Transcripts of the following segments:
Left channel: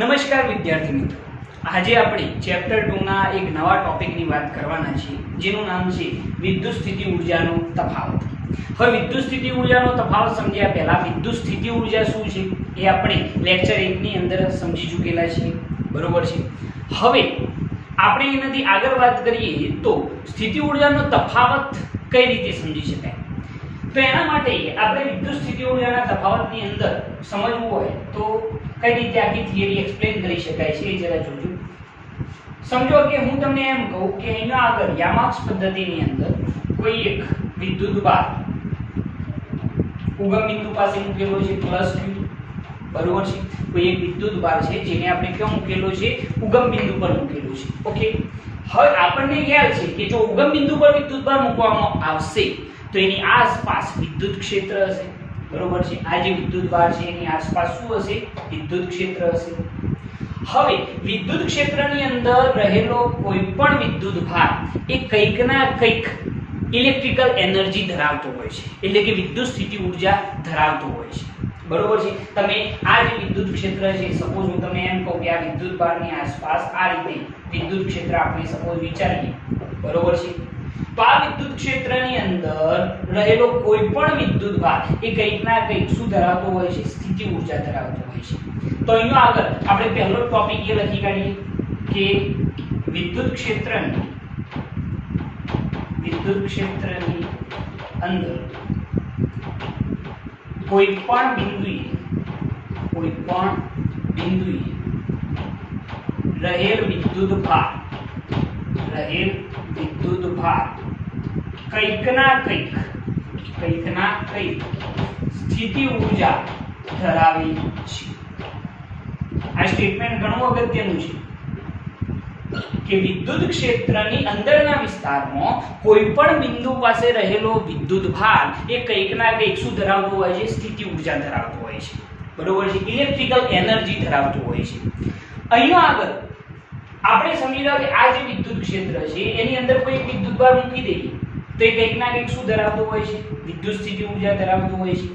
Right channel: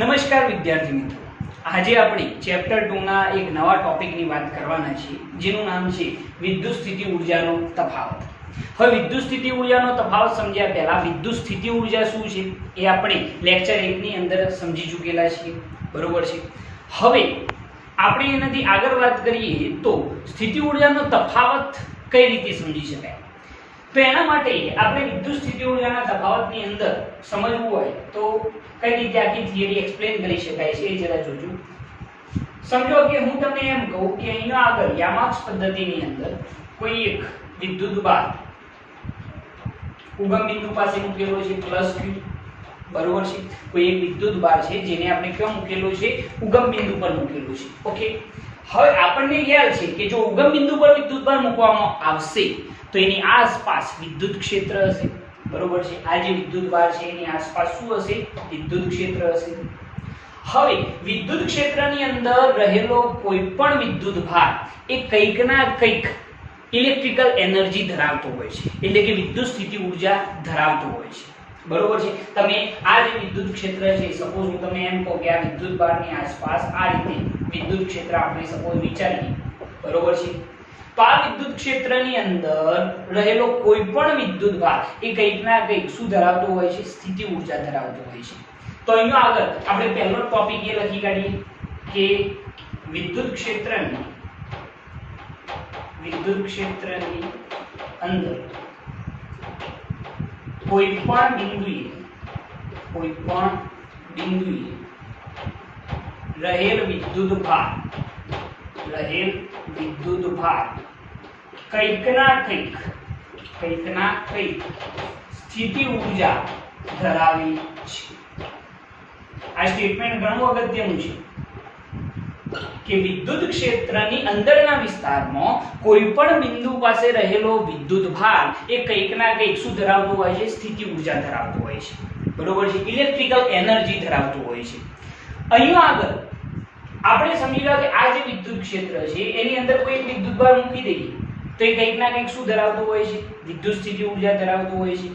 નમસ્કાર વિદ્યાર્થી મિત્રો, આજે આપણે ચેપ્ટર 2 ના એક નવા ટોપિકની વાત કરવાના છીએ, જેનું નામ છે વિદ્યુત સ્થિતિ ઊર્જાનો તફાવત. હવે વિદ્યુત સ્થિતિ ઊર્જાનો તફાવત સમજ્યા પહેલા વિદ્યુત સ્થિતિ ઊર્જા શું છે એ આપણે લેક્ચર 1 ની અંદર સમજી ચૂકેલા છીએ, બરોબર છે. હવે આપણે એનાથી આગળ વાત કરીએ તો સ્થિતિ ઊર્જાનો તફાવત કઈ રીતે સમજી શકાય. તો એના માટે આપણે વિદ્યુત સ્થિતિ ઊર્જાના તફાવતની અંદર સમજવું હોય તો કઈ રીતે આખી થિયરી એક્સપ્લેન કરી શકાય છે એ જરા જોજો. સમજો કે હું તમને એમ કહું કે અહીંયા આગળ યામાક્સ પદ્ધતિની અંદર કોઈ એક વિદ્યુત ભાર ઉગમ બિંદુ પાસે મૂકેલો છે +q, બરોબર છે. કોઈ એક વિદ્યુત ભાર છે જેને આપણે ક્યાં મૂકેલો છે, ઉગમ બિંદુ પર મૂકેલો છે. ઓકે, હવે આપણને ખ્યાલ છે કે જો ઉગમ બિંદુ પર વિદ્યુત ભાર મૂકવામાં આવશે તો એની આસપાસ વિદ્યુત ક્ષેત્ર હશે, બરોબર છે. આ જે વિદ્યુત ભાર છે એની આસપાસ શું હશે, વિદ્યુત ક્ષેત્ર હશે. હવે વિદ્યુત ક્ષેત્રની અંદર રહેલો કોઈ પણ વિદ્યુત ભાર એ કંઈક ના કંઈક ઇલેક્ટ્રિકલ એનર્જી ધરાવતો હોય છે, એટલે કે વિદ્યુત સ્થિતિ ઊર્જા ધરાવતો હોય છે, બરોબર છે. તમે આ જે વિદ્યુત ક્ષેત્ર છે, સપોઝ હું તમને એમ કહું કે આ વિદ્યુત ભારની આસપાસ આ રીતે વિદ્યુત ક્ષેત્ર આપણે સપોઝ વિચારીએ, બરોબર છે. તો આ વિદ્યુત ક્ષેત્રની અંદર રહેલો કોઈ પણ વિદ્યુત ભાર એ કંઈક ના કંઈક શું ધરાવતો હોય છે, સ્થિતિ ઊર્જા ધરાવતો હોય છે. તો અહીંયા આગળ આપણે પહેલો ટોપિક એ લખી કાઢીએ કે વિદ્યુત ક્ષેત્રની અંદર કોઈ પણ બિંદુએ રહેલ વિદ્યુત ભાર કંઈક ના કંઈક સ્થિતિ ઊર્જા ધરાવે છે. આ સ્ટેટમેન્ટ ઘણું અગત્યનું છે કે વિદ્યુત ક્ષેત્રની અંદરના વિસ્તારમાં કોઈ પણ બિંદુ પાસે રહેલો વિદ્યુત ભાર એ કંઈક ના કંઈક શું ધરાવતો હોય છે, સ્થિતિ ઊર્જા ધરાવતો હોય છે, બરોબર છે. ઇલેક્ટ્રિકલ એનર્જી ધરાવતો હોય છે. અહીંયા આગળ આપણે સમજી લો કે આ જે વિદ્યુત ક્ષેત્ર છે એની અંદર કોઈ વિદ્યુત ભાર મૂકી દઈએ તો એ કંઈક ના કંઈક શું ધરાવતો હોય છે, વિદ્યુત સ્થિતિ ઊર્જા ધરાવતો હોય છે.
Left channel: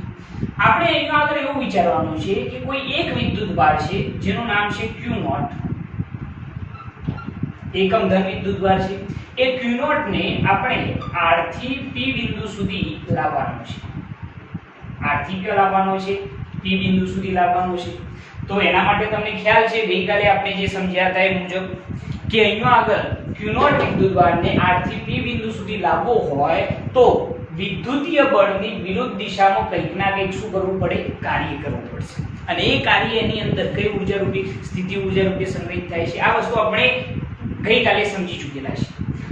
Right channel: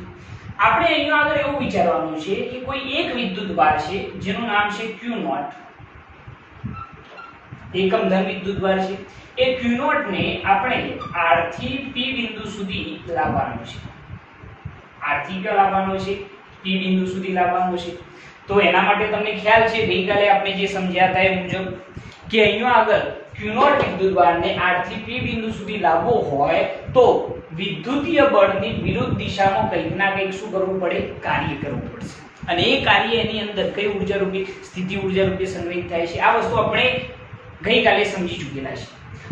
આપણે અહીંયા આગળ એવું વિચારવાનું છે કે કોઈ એક વિદ્યુત ભાર છે જેનું નામ છે Q0, એકમ ધન વિદ્યુત ભાર છે. એ Q0 ને આપણે R થી P બિંદુ સુધી લાવવાનો છે. R થી ક્યાં લાવવાનો છે, P બિંદુ સુધી લાવવાનો છે. તો એના માટે તમને ખ્યાલ છે ગઈકાલે આપણે જે સમજ્યા હતા એ મુજબ કે અહીંયા આગળ Q0 વિદ્યુત ભારને R થી P બિંદુ સુધી લાવવો હોય તો વિદ્યુતીય બળની વિરુદ્ધ દિશામાં કંઈક ના કંઈક શું કરવું પડે, કાર્ય કરવું પડશે. અને એ કાર્ય એની અંદર કઈ ઊર્જા રૂપે, સ્થિતિ ઊર્જા રૂપે સંગ્રહિત થાય છે. આ વસ્તુ આપણે ગઈકાલે સમજી ચૂકેલા છે.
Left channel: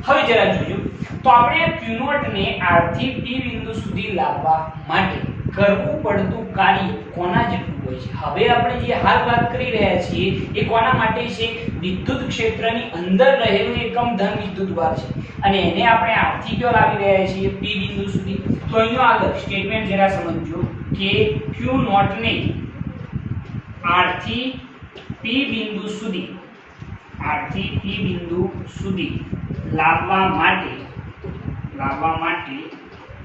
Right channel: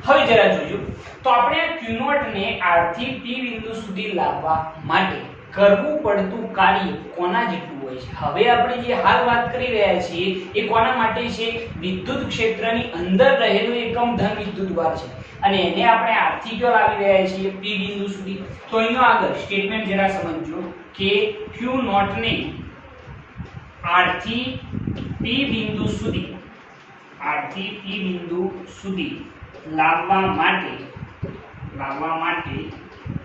હવે જરા જોજો તો આપણે આ Q0 ને R થી P બિંદુ સુધી લાવવા માટે કરવું પડતું કાર્ય કોના જેટલું હોય છે. હવે આપણે જે હાલ વાત કરી રહ્યા છીએ એ કોના માટે છે, વિદ્યુત ક્ષેત્રની અંદર રહેલું એકમ ધન વિદ્યુત ભાર છે અને એને આપણે R થી ક્યાં લાવી રહ્યા છીએ, P બિંદુ સુધી. તો અહીંયા આગળ સ્ટેટમેન્ટ જરા સમજો કે Q0 ને R થી P બિંદુ સુધી લાવવા માટે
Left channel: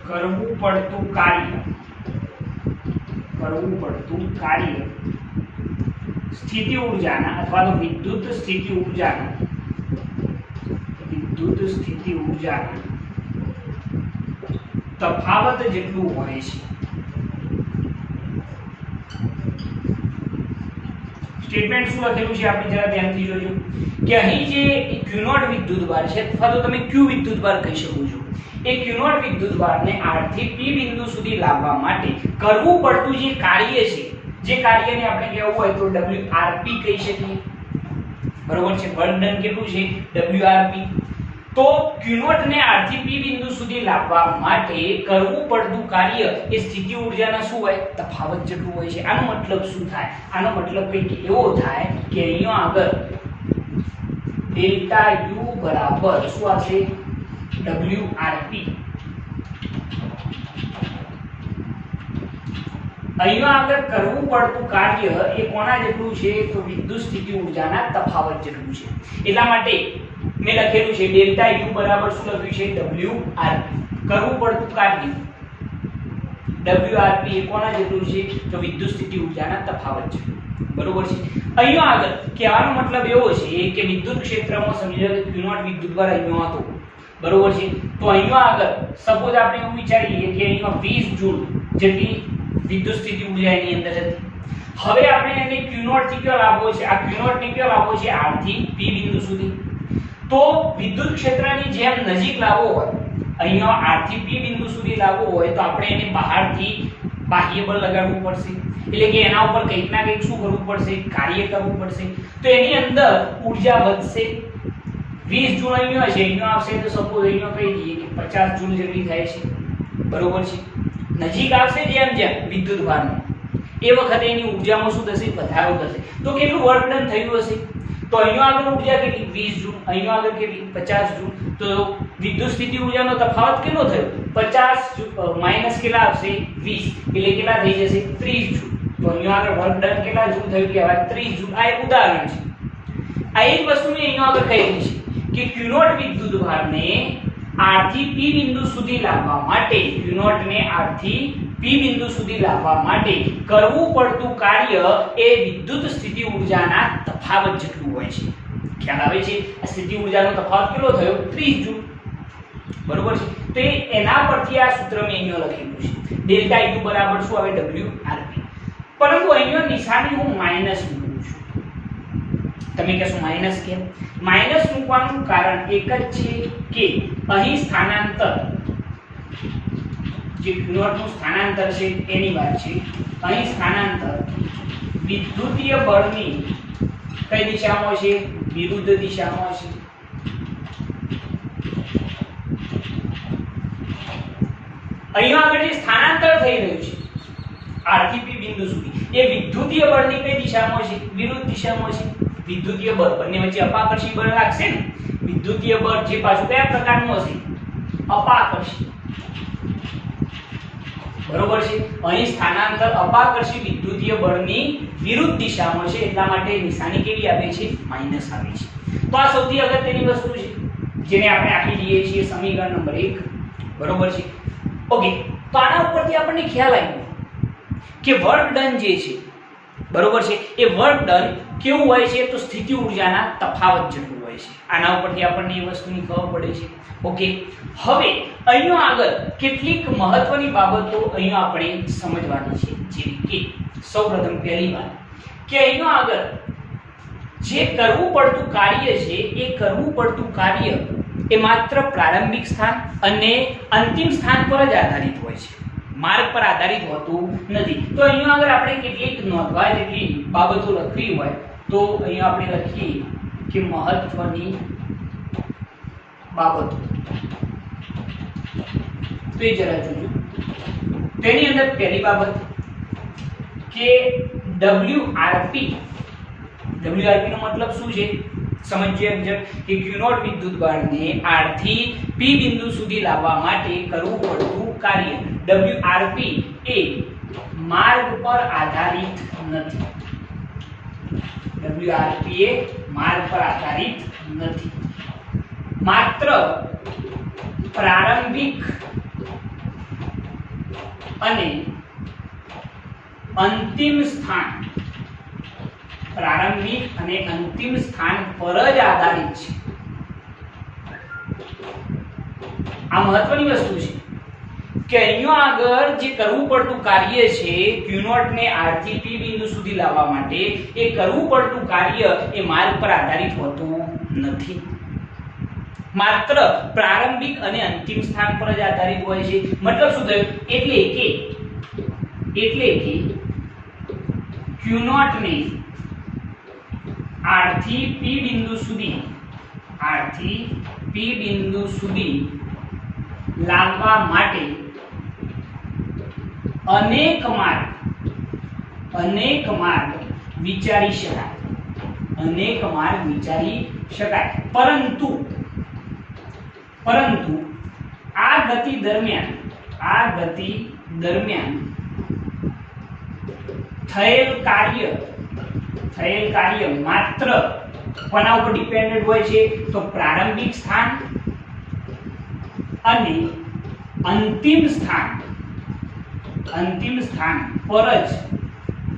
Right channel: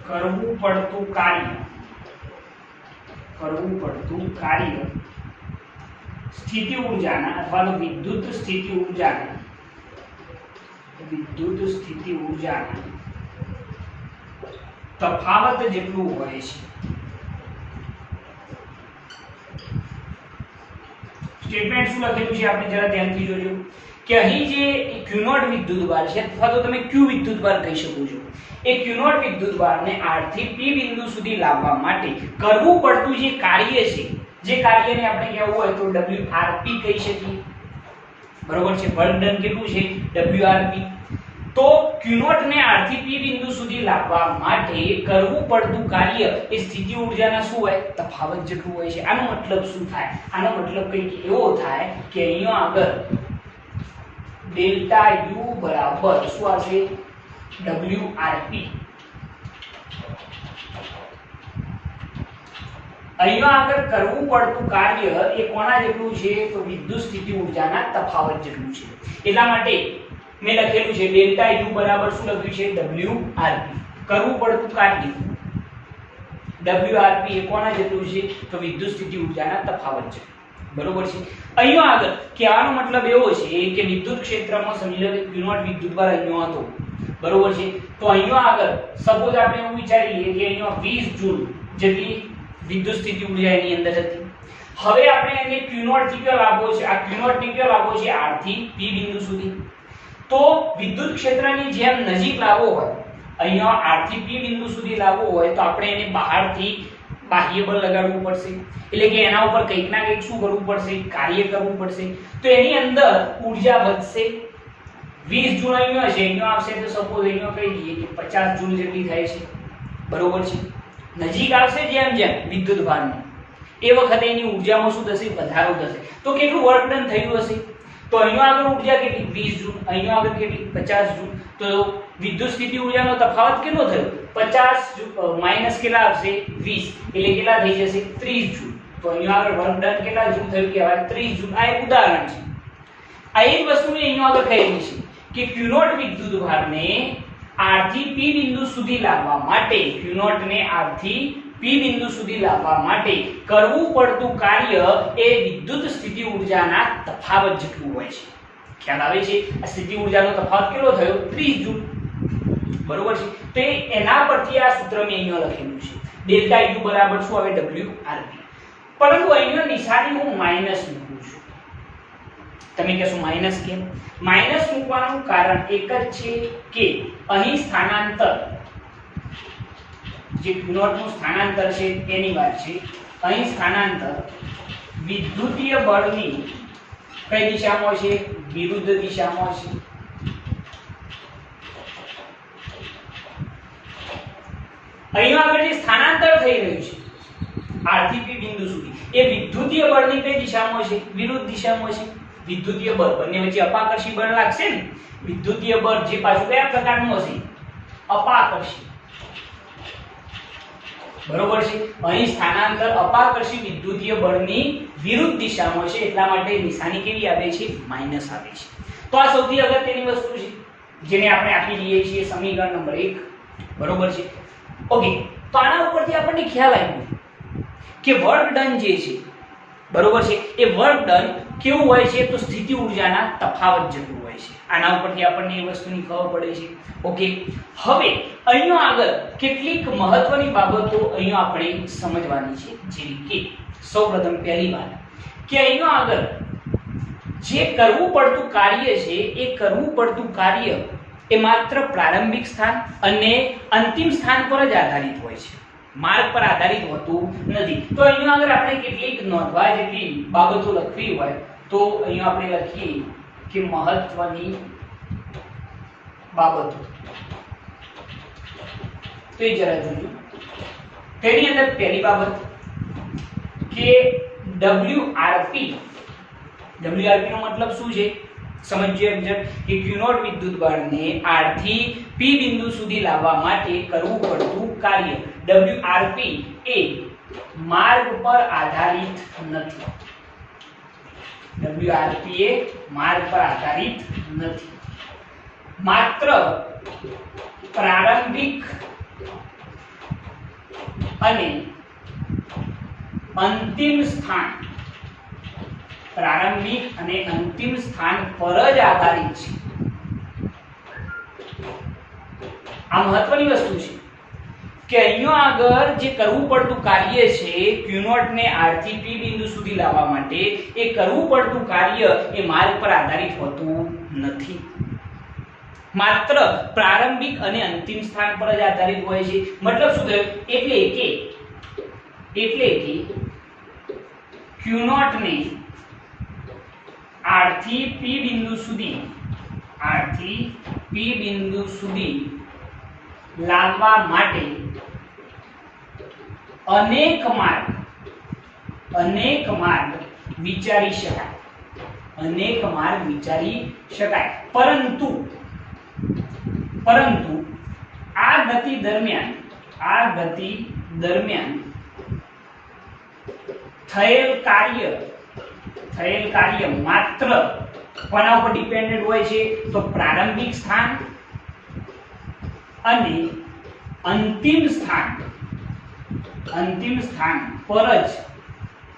કરવું પડતું કાર્ય સ્થિતિ ઊર્જાના અથવા તો વિદ્યુત સ્થિતિ ઊર્જાના તફાવત જેટલું હોય છે. સ્ટેટમેન્ટ શું લખેલું છે આપણે જરા ધ્યાનથી જોજો કે અહીં જે Q0 વિદ્યુત ભાર છે અથવા તો તમે Q વિદ્યુત ભાર કહી શકો છો, એ Q0 વિદ્યુત ભારને R થી P બિંદુ સુધી લાવવા માટે કરવું પડતું જે કાર્ય છે, જે કાર્યને આપણે કહેવું હોય તો WRP કહી શકીએ, બરોબર છે. વર્ક ડન કેટલું છે, WRP. તો Q0 ને R થી P બિંદુ સુધી લાવવા માટે કરવું પડતું કાર્ય એ સ્થિતિ ઊર્જાના શું હોય, તફાવત જેટલું હોય છે. આનો મતલબ શું થાય, આનો મતલબ કંઈક એવો થાય કે અહીંયા આગળ ડેલ્ટા U બરાબર શું આવશે, WRP. અહીંયા આગળ કરવું પડતું કાર્ય એ કોના જેટલું છે, તો વિદ્યુત સ્થિતિ ઊર્જાના તફાવત જેટલું છે. એટલા માટે મેં લખેલું છે ડેલ્ટા U બરાબર શું લખ્યું છે, WRP. કરવું પડતું કાર્ય WRP એ કોના જેટલું છે, તો વિદ્યુત સ્થિતિ ઊર્જાના તફાવત છે. બરોબર છે। અહીંયા આગળ કહેવાનો મતલબ એવો છે કે વિદ્યુત ક્ષેત્રમાં સમજી લો કે Q0 વિદ્યુતભાર અહીંયા હતો, બરોબર છે। તો અહીંયા આગળ સપોઝ આપણે એવું વિચારીએ કે અહીંયા 20 જૂલ જેટલી વિદ્યુત સ્થિતિ ઊર્જા એની અંદર હતી। હવે આપણે એને Q0 થી ક્યાં લાવવો છે? આ Q0 ને ક્યાં લાવવો છે? R થી P બિંદુ સુધી। તો વિદ્યુત ક્ષેત્રની જેમ નજીક લાવવો હોય, અહીંયા R થી P બિંદુ સુધી લાવવો હોય તો આપણે એને બહારથી બાહ્ય બળ લગાડવું પડશે, એટલે કે એના ઉપર કંઈક ના કંઈક શું કરવું પડશે? કાર્ય કરવું પડશે। તો એની અંદર ઊર્જા વધશે। 20 જૂલ અહીંયા છે, અહીંયા આવશે તો સપોઝ અહીંયા કહી દઈએ કે 50 જૂલ જેટલી થાય છે, બરોબર છે। નજીક આવશે જેમ જેમ વિદ્યુતભારનો એ વખતે એની ઊર્જામાં શું થશે? વધારો થશે। તો કેટલું વર્ક ડન થયું હશે? તો અહીંયા આગળ ઊર્જા કેટલી? 20 જૂલ, અહીંયા આગળ કેટલી? 50 જૂલ। તો વિદ્યુત સ્થિતિ ઊર્જાનો તફાવત કેટલો થયો? 50 માઈનસ કેટલા આવશે? 20, એટલે કેટલા થઈ જશે? 30 જૂલ। તો અહીંયા આગળ વર્ક ડન કેટલા જૂલ થયું કહેવાય? 30 જૂલ। આ એક ઉદાહરણ છે। આ એક વસ્તુ મેં અહીંયા આગળ કહેલી છે કે Q0 વિદ્યુતભારને R થી P બિંદુ સુધી લાવવા માટે, Q0 ને R થી P બિંદુ સુધી લાવવા માટે કરવું પડતું કાર્ય એ વિદ્યુત સ્થિતિ ઊર્જાના તફાવત જેટલું હોય છે। ખ્યાલ આવે છે? આ સ્થિતિ ઊર્જાનો તફાવત કેટલો થયો? 30 જૂલ, બરોબર છે। તો એના પરથી આ સૂત્ર મેં અહીંયા લખેલું છે, ડેલ્ટા E2 બરાબર શું આવે? WRP। પરંતુ અહીંયા નિશાની હું માઈનસ મૂકું છું। તમે કહેશો માઈનસ કેમ? માઈનસ મૂકવાનું કારણ એક જ છે કે અહીં સ્થાનાંતર, જે Q0 નું સ્થાનાંતર છે એની વાત છે। અહીં સ્થાનાંતર વિદ્યુતીય બળની કઈ દિશામાં છે? વિરુદ્ધ દિશામાં છે। અહીંયા આગળ જે સ્થાનાંતર થઈ રહ્યું છે R થી P બિંદુ સુધી, એ વિદ્યુતીય બળની કઈ દિશામાં છે? વિરુદ્ધ દિશામાં છે। વિદ્યુતીય બળ બંને વચ્ચે અપાકર્ષી બળ લાગશે ને, વિદ્યુતીય બળ જે પાછું કયા પ્રકારનું હશે? અપાકર્ષી, બરોબર છે। અહીં સ્થાનાંતર અપાકર્ષી વિદ્યુતીય બળની વિરુદ્ધ દિશામાં છે, એટલા માટે નિશાની કેવી આવે છે? માઈનસ આવે છે। તો આ સૌથી અગત્યની વસ્તુ છે જેને આપણે આપી દઈએ છીએ સમીકરણ નંબર 1, બરોબર છે। ઓકે, તો આના ઉપરથી આપણને ખ્યાલ આવ્યો કે વર્ક ડન જે છે, બરોબર છે, એ વર્ક ડન કેવું હોય છે? તો સ્થિતિ ઊર્જાના તફાવત જેટલું હોય છે। આના ઉપરથી આપણને એ વસ્તુની ખબર પડે છે। ઓકે, હવે અહીંયા આગળ કેટલીક મહત્વની બાબતો અહીંયા આપણે સમજવાની છે, જેવી કે સૌપ્રથમ પહેલી વાત કે અહીંયા આગળ જે કરવું પડતું કાર્ય છે, એ કરવું પડતું કાર્ય એ માત્ર પ્રારંભિક સ્થાન અને અંતિમ સ્થાન પર જ આધારિત હોય છે, માર્ગ પર આધારિત હોતું નથી। તો અહીંયા આગળ આપણે કેટલીક નોંધવા જેટલી બાબતો લખવી હોય તો અહીંયા આપણે લખીએ કે મહત્વની બાબતો, તો એ જરા જોજો। તેની અંદર પહેલી બાબત કે WRP નો મતલબ શું છે? સમજીએ કે Q0 વિદ્યુતભારને R થી P બિંદુ સુધી લાવવા માટે કરવું પડતું કાર્ય WRP એ માર્ગ પર આધારિત નથી। WRP એ માર્ગ પર આધારિત નથી, માત્ર પ્રારંભિક અને અંતિમ સ્થાન, પ્રારંભિક અને અંતિમ સ્થાન પર જ આધારિત છે। આ મહત્વની વસ્તુ છે કે અહીંયા આગળ જે કરવું પડતું કાર્ય છે Q0 ને R થી P બિંદુ સુધી લાવવા માટે, એ કરવું પડતું કાર્ય એ માર્ગ પર આધારિત હોતું નથી, માત્ર પ્રારંભિક અને અંતિમ સ્થાન પર જ આધારિત હોય છે। મતલબ શું થયું? એટલે કે Q0 ને R થી P બિંદુ સુધી લાવવા માટે અનેક માર્ગ વિચારી શકાય, પરંતુ આ ગતિ દરમિયાન થયેલ કાર્ય માત્ર કોના ઉપર ડિપેન્ડન્ટ હોય છે? તો પ્રારંભિક સ્થાન અને અંતિમ સ્થાન પર જ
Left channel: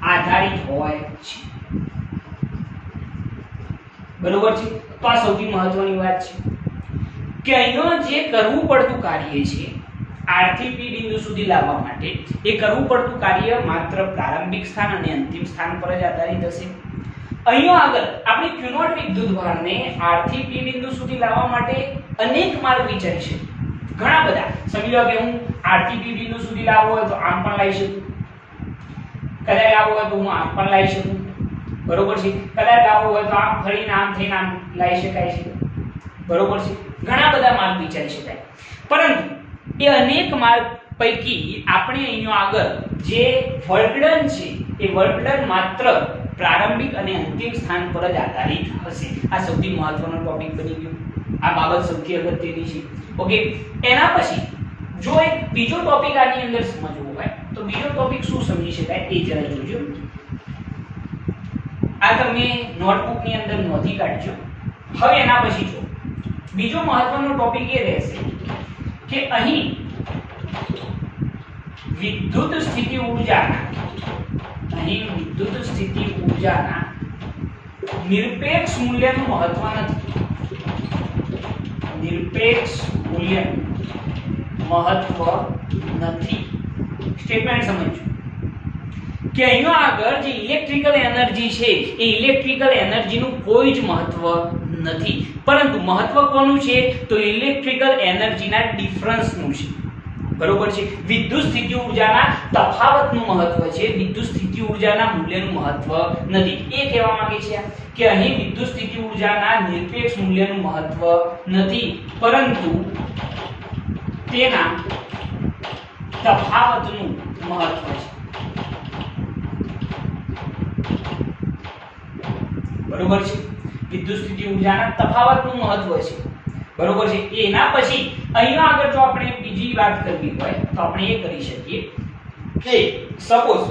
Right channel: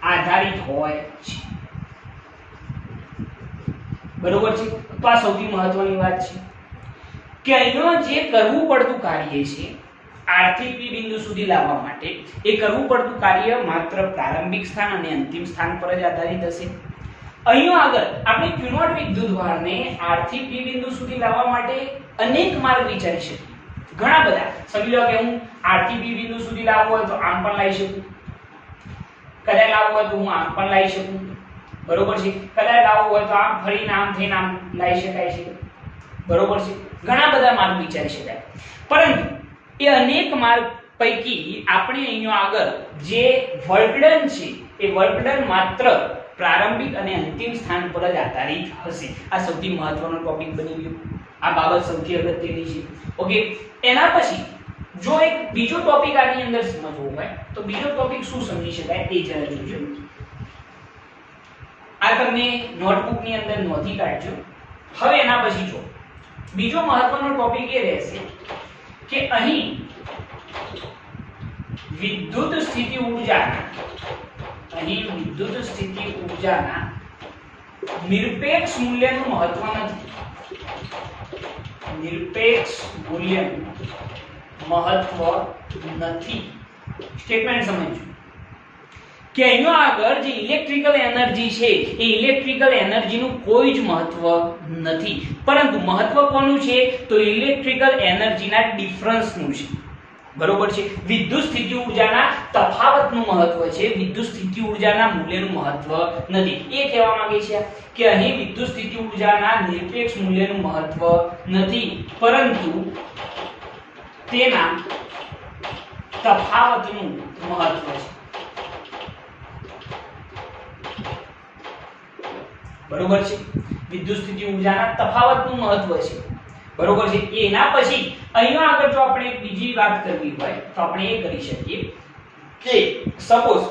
આધારિત હોય છે। બરોબર છે. તો આ સૌથી મહત્વની વાત છે કે અહીંનો જે કરવું પડતું કાર્ય છે R થી P બિંદુ સુધી લાવવા માટે, એ કરવું પડતું કાર્ય માત્ર પ્રારંભિક સ્થાન અને અંતિમ સ્થાન પર જ આધારિત હશે. અહીંયા આગળ આપણે Q0 વિદ્યુતભારને R થી P બિંદુ સુધી લાવવા માટે અનેક માર્ગ વિચારી શકીએ, ઘણા બધા. સમજી લો કે હું R થી P બિંદુ સુધી લાવવો હોય તો આમ પણ લાવી શકું, કદાચ લાવવું હોય તો હું આમ પણ લાવી શકું, બરોબર છે. કદાચ લાવવું હોય તો આમ ફરીને આમ થઈને આમ લાવી શકાય છે, બરોબર છે. ઘણા બધા માર્ગ વિચારી શકાય, પરંતુ એ અનેક માર્ગ પૈકી આપણે અહીંયા આગળ જે વર્ક ડન છે એ વર્ક ડન માત્ર પ્રારંભિક અને અંતિમ સ્થાન પર જ આધારિત હશે. આ સૌથી મહત્વનો ટોપિક બની ગયો. આ બાબત સૌથી અગત્યની છે. ઓકે, એના પછી જો એક બીજો ટોપિક આની અંદર સમજવો હોય તો બીજો ટોપિક શું સમજી શકાય એ જરા જોજો. આ તમે નોટબુક ની અંદર નોંધી કાઢજો. હવે એના પછી જો બીજો મહત્વનો ટોપિક એ રહેશે કે અહીં વિદ્યુત સ્થિતિ ઊર્જાના નિરપેક્ષ મૂલ્યનું મહત્વ નથી. નિરપેક્ષ મૂલ્યનું મહત્વ નથી. સ્ટેટમેન્ટ સમજો કે અહીંયા આગળ જે ઇલેક્ટ્રિકલ એનર્જી છે એ ઇલેક્ટ્રિકલ એનર્જીનું કોઈ જ મહત્વ નથી, પરંતુ મહત્વ કોનું છે તો ઇલેક્ટ્રિકલ એનર્જીના ડિફરન્સનું છે, બરોબર છે. વિદ્યુત સ્થિતિ ઊર્જાના તફાવતનું મહત્વ છે, વિદ્યુત સ્થિતિ ઊર્જાના મૂલ્યનું મહત્વ નથી. એ કહેવા માંગે છે કે અહીં વિદ્યુત સ્થિતિ ઊર્જાના નિરપેક્ષ મૂલ્યનું મહત્વ નથી, પરંતુ તેના તફાવતનું મહત્વ છે, બરોબર છે. વિદ્યુત સ્થિતિ ઊર્જાના તફાવતનું મહત્વ છે, બરોબર છે. એના પછી અહીંયા આગળ જો આપણે બીજી વાત કરવી હોય તો આપણે એ કરી શકીએ કે સપોઝ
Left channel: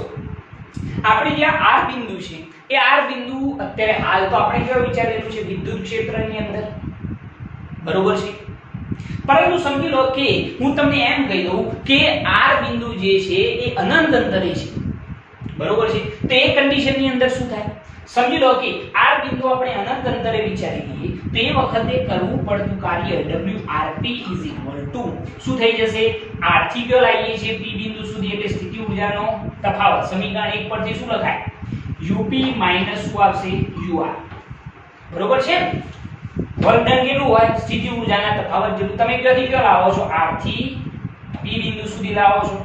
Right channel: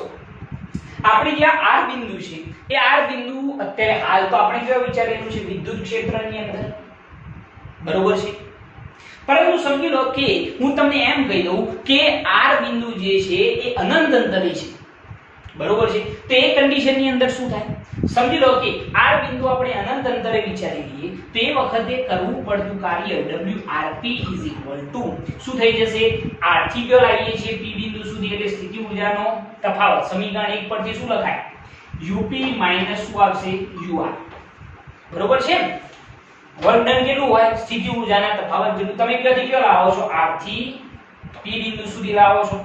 આપણે જે R બિંદુ છે એ R બિંદુ અત્યારે હાલ તો આપણે કેવો વિચારેલું છે વિદ્યુત ક્ષેત્રની અંદર, બરોબર છે. પરંતુ સમજી લો કે હું તમને એમ કહી દઉં કે R બિંદુ જે છે એ અનંત અંતરે છે, બરોબર છે. તો એ કન્ડિશનની અંદર શું થાય? સમજી લો કે R બિંદુ આપણે અનંત અંતરે વિચારી લઈએ તો એ વખતે કરવું પડતું કાર્ય WRP શું થઈ જશે? R થી કયો લાવીએ છીએ P બિંદુ સુધી એટલે સ્થિતિ ઊર્જાનો તફાવત. સમીકરણ 1 પરથી શું લખાય? UP માઈનસ શું આવશે? UR, બરોબર છે. વર્ક ડન કેટલું હોય? સ્થિતિ ઊર્જાના તફાવત જેટલું. તમે ક્યાંથી કયો લાવો છો? R થી P બિંદુ સુધી લાવો છો,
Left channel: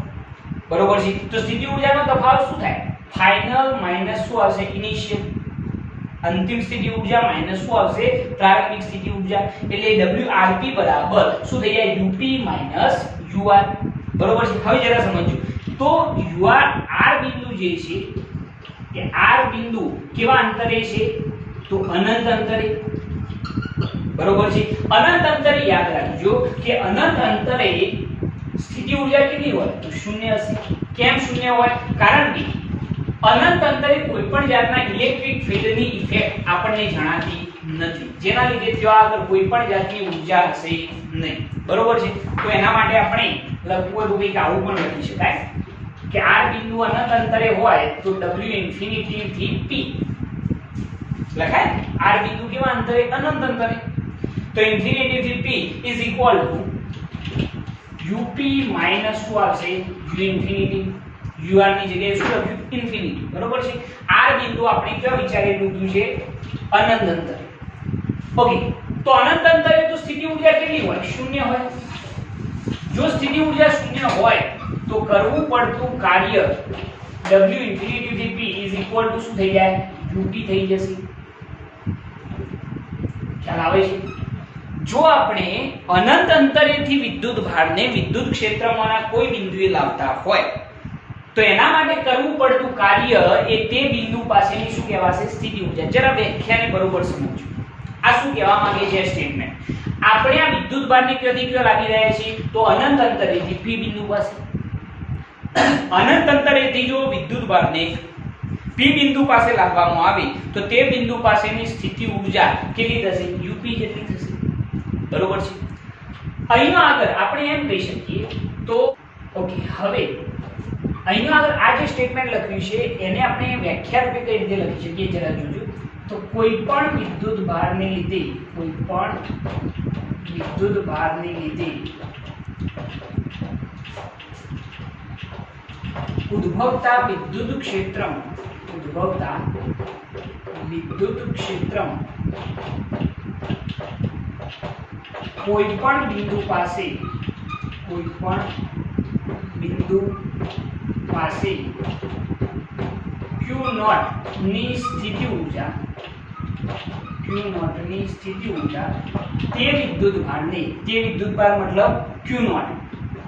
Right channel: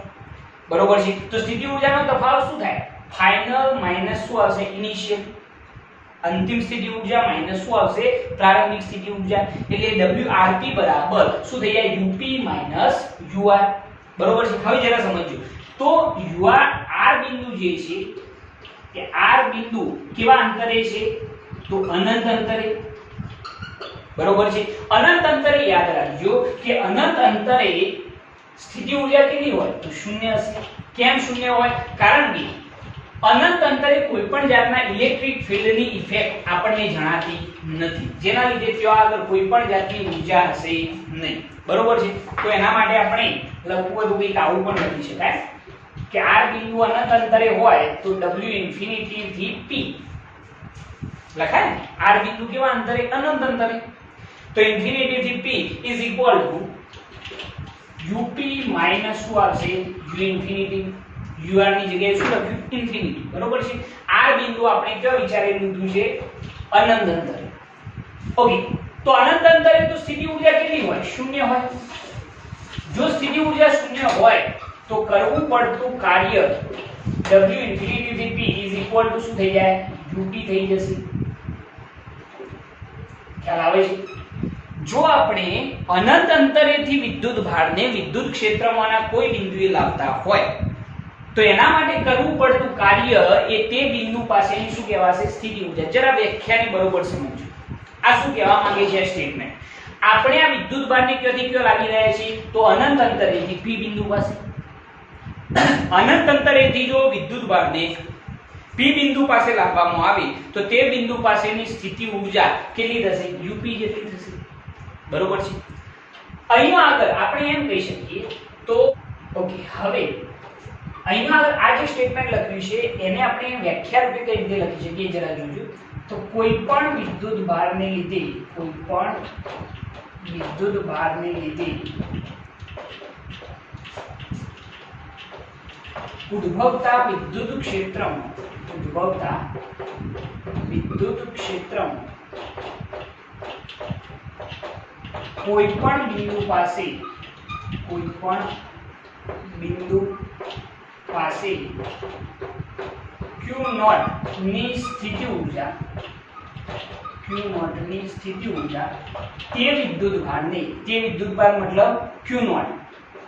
બરોબર છે. તો સ્થિતિ ઊર્જાનો તફાવત શું થાય? ફાઇનલ માઈનસ શું આવશે? ઇનિશિયલ. અંતિમ સ્થિતિ ઊર્જા માઈનસ શું આવશે? પ્રારંભિક સ્થિતિ ઊર્જા. એટલે WRP બરાબર શું થઈ જાય? UP માઈનસ UR, બરોબર છે. હવે જરા સમજો તો UR R બિંદુ જે છે કે R બિંદુ કેવા અંતરે છે? તો અનંત અંતરે, બરોબર છે. અનંત અંતરે યાદ રાખજો કે અનંત અંતરે સ્થિતિ ઊર્જા કેટલી હોય? તો શૂન્ય હશે. કેમ શૂન્ય હોય? કારણ કે અનંત અંતરે કોઈ પણ જાતના ઇલેક્ટ્રિક ફિલ્ડની ઇફેક્ટ આપણને જણાતી નથી, જેના લીધે ત્યાં આગળ કોઈ પણ જાતની ઊર્જા હશે નહીં, બરોબર છે. તો એના માટે આપણે લખવું હોય તો કંઈક આવું પણ લખી શકાય કે R બિંદુ અનંત અંતરે હોય તો W ઇન્ફિનિટી થી P લખાય. R બિંદુ કેવા અંતરે? અનંત અંતરે. તો ઇન્ફિનિટી થી P is equal to UP minus શું આવશે? U infinity. UR ની જગ્યાએ શું લખ્યું? ઇન્ફિનિટી, બરોબર છે. R બિંદુ આપણે કયો વિચારી લીધું છે? અનંત અંતરે. ઓકે, તો અનંત અંતરે તો સ્થિતિ ઊર્જા કેટલી હોય? શૂન્ય હોય. જો સ્થિતિ ઊર્જા શૂન્ય હોય તો કરવું પડતું કાર્ય W ઇન્ફિનિટી થી P ઇઝ ઇક્વલ ટુ શું થઈ જાય? UP થઈ જશે. ખ્યાલ આવે છે? જો આપણે અનંત અંતરેથી વિદ્યુત ભારને વિદ્યુત ક્ષેત્રમાંના કોઈ બિંદુએ લાવતા હોય તો એના માટે કરવું પડતું કાર્ય એ તે બિંદુ પાસેની શું કહેવાશે? સ્થિતિ ઊર્જા. જરા વ્યાખ્યાને બરોબર સમજો. આ શું કહેવા માંગે છે સ્ટેટમેન્ટ? આપણે આ વિદ્યુત ભારને ક્યાંથી ક્યાં લાવી રહ્યા છીએ? તો અનંત અંતરેથી P બિંદુ પાસે. અનંત અંતરેથી જો વિદ્યુત ભારને P બિંદુ પાસે લાવવામાં આવે તો તે બિંદુ પાસેની સ્થિતિ ઊર્જા કેટલી થશે? UP જેટલી થશે, બરોબર છે. અહીંયા આગળ આપણે એમ કહી શકીએ તો ઓકે, હવે અહીંયા આગળ આ જે સ્ટેટમેન્ટ લખ્યું છે એને આપણે વ્યાખ્યા રૂપે કઈ રીતે લખી શકીએ જરા જોજો. તો કોઈ પણ વિદ્યુત ભારને લીધે ઉદ્ભવતા વિદ્યુત ક્ષેત્રમાં કોઈ પણ બિંદુ પાસે Q0 ની સ્થિતિ ઊર્જા તે વિદ્યુત ભારને મતલબ Q0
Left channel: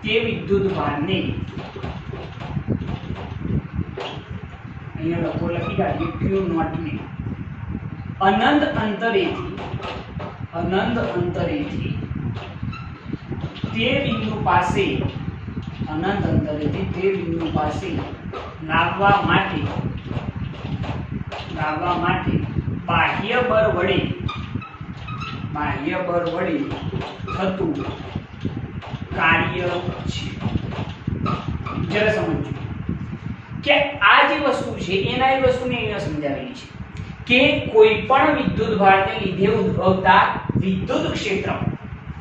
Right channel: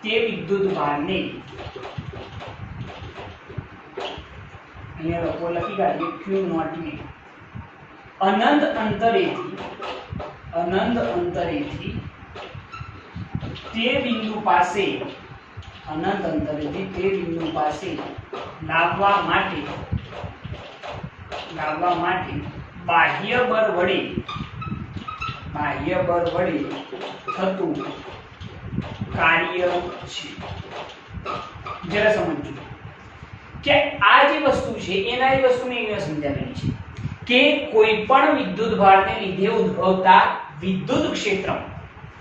તે વિદ્યુત ભારને અહીંયા લખી કાઢીએ Q0 ને અનંત અંતરેથી તે બિંદુ પાસે લાવવા માટે બાહ્ય બળ વડે થતું કાર્ય છે. જરા સમજો કે આ જે વસ્તુ છે એના એ વસ્તુને અહીંયા સમજાવેલી છે કે કોઈ પણ વિદ્યુત ભારને લીધે ઉદ્ભવતા વિદ્યુત ક્ષેત્ર,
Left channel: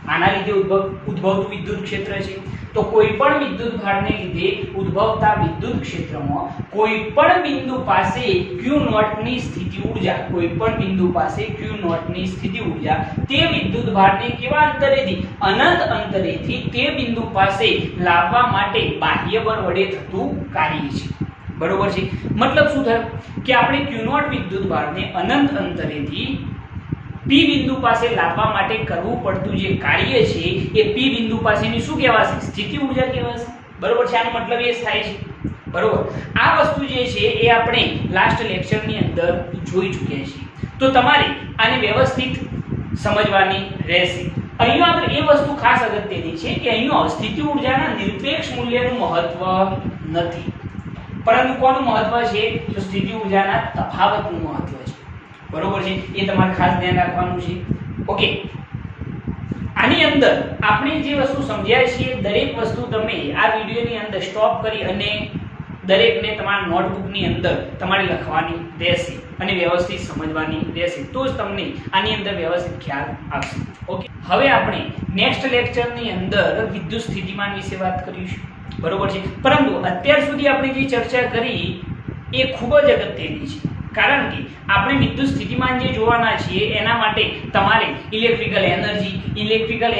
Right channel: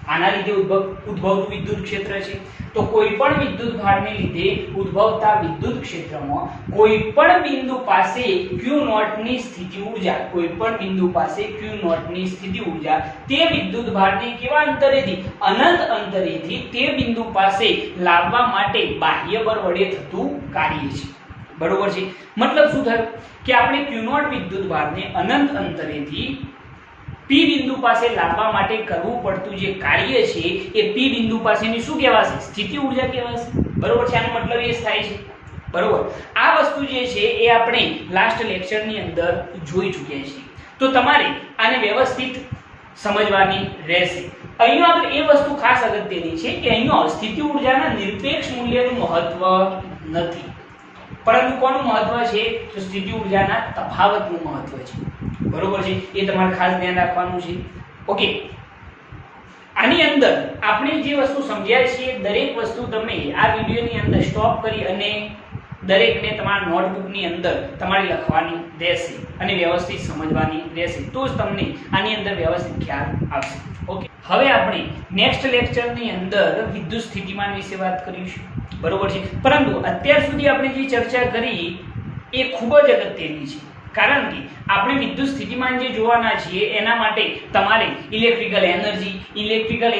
આના લીધે ઉદ્ભવતું વિદ્યુત ક્ષેત્ર છે. તો કોઈ પણ વિદ્યુત ભારને લીધે ઉદ્ભવતા વિદ્યુત ક્ષેત્રમાં કોઈ પણ બિંદુ પાસે Q0 ની સ્થિતિ ઊર્જા તે વિદ્યુત ભારને કેવા અંતરેથી અનંત અંતરેથી તે બિંદુ પાસે લાવવા માટે બાહ્ય બળ વડે થતું કાર્ય છે. બરોબર છે? મતલબ શું થયું કે આપણે Q0 વિદ્યુત ભારને અનંત અંતરેથી P બિંદુ પાસે લાવવા માટે કરવું પડતું જે કાર્ય છે એ P બિંદુ પાસેની શું કહેવાશે? સ્થિતિ ઊર્જા કહેવાશે. બરોબર છે? આનો મતલબ એ થાય છે. બરોબર? આ વસ્તુ જે છે એ આપણે લાસ્ટ લેક્ચરની અંદર જોઈ ચૂક્યા છીએ. તો તમારે આને વ્યવસ્થિત સમજવાની રહેશે. અહીંયા આપણે એ વસ્તુ ખાસ અગત્યની છે કે અહીંયા સ્થિતિ ઊર્જાના નિરપેક્ષ મૂલ્યનું મહત્વ નથી, પરંતુ કોનું મહત્વ છે? તો સ્થિતિ ઊર્જાના તફાવતનું મહત્વ છે. બરોબર છે? એ તમારે ખાસ ધ્યાન રાખવાનું છે. ઓકે, આની અંદર આપણે જે વસ્તુ સમજ્યા છીએ દરેક વસ્તુ તમે આ વિડિયોની અંદર સ્ટોપ કરી અને દરેકને તમારા નોટબુકની અંદર તમારે લખવાની રહેશે અને વ્યવસ્થિત સમજવાની રહેશે, તો જ તમને આની અંદર વ્યવસ્થિત ખ્યાલ આવશે. ઓકે, હવે આપણે નેક્સ્ટ લેક્ચરની અંદર વિદ્યુત સ્થિતિમાન વિશે વાત કરીશું. બરોબર છે? પરંતુ અત્યાર સુધી આપણે જે ચર્ચા કરી એ ખૂબ જ અગત્યની છે, કારણ કે આપણે વિદ્યુત સ્થિતિમાન જે જોવાના છીએ એના માટે તમારે ઇલેક્ટ્રિકલ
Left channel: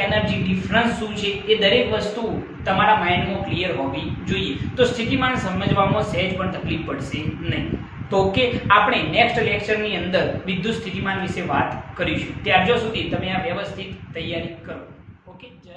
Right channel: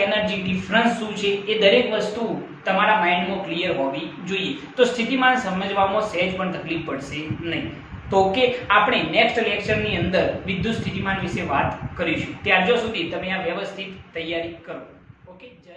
એનર્જી ડિફરન્સ શું છે એ દરેક વસ્તુ તમારા માઇન્ડમાં ક્લિયર હોવી જોઈએ. તો સ્થિતિમાન સમજવામાં સહેજ પણ તકલીફ પડશે નહીં. તો ઓકે, આપણે નેક્સ્ટ લેક્ચરની અંદર વિદ્યુત સ્થિતિમાન વિશે વાત કરીશું. ત્યાર સુધી તમે આ વ્યવસ્થિત તૈયારી કરો. ઓકે, જય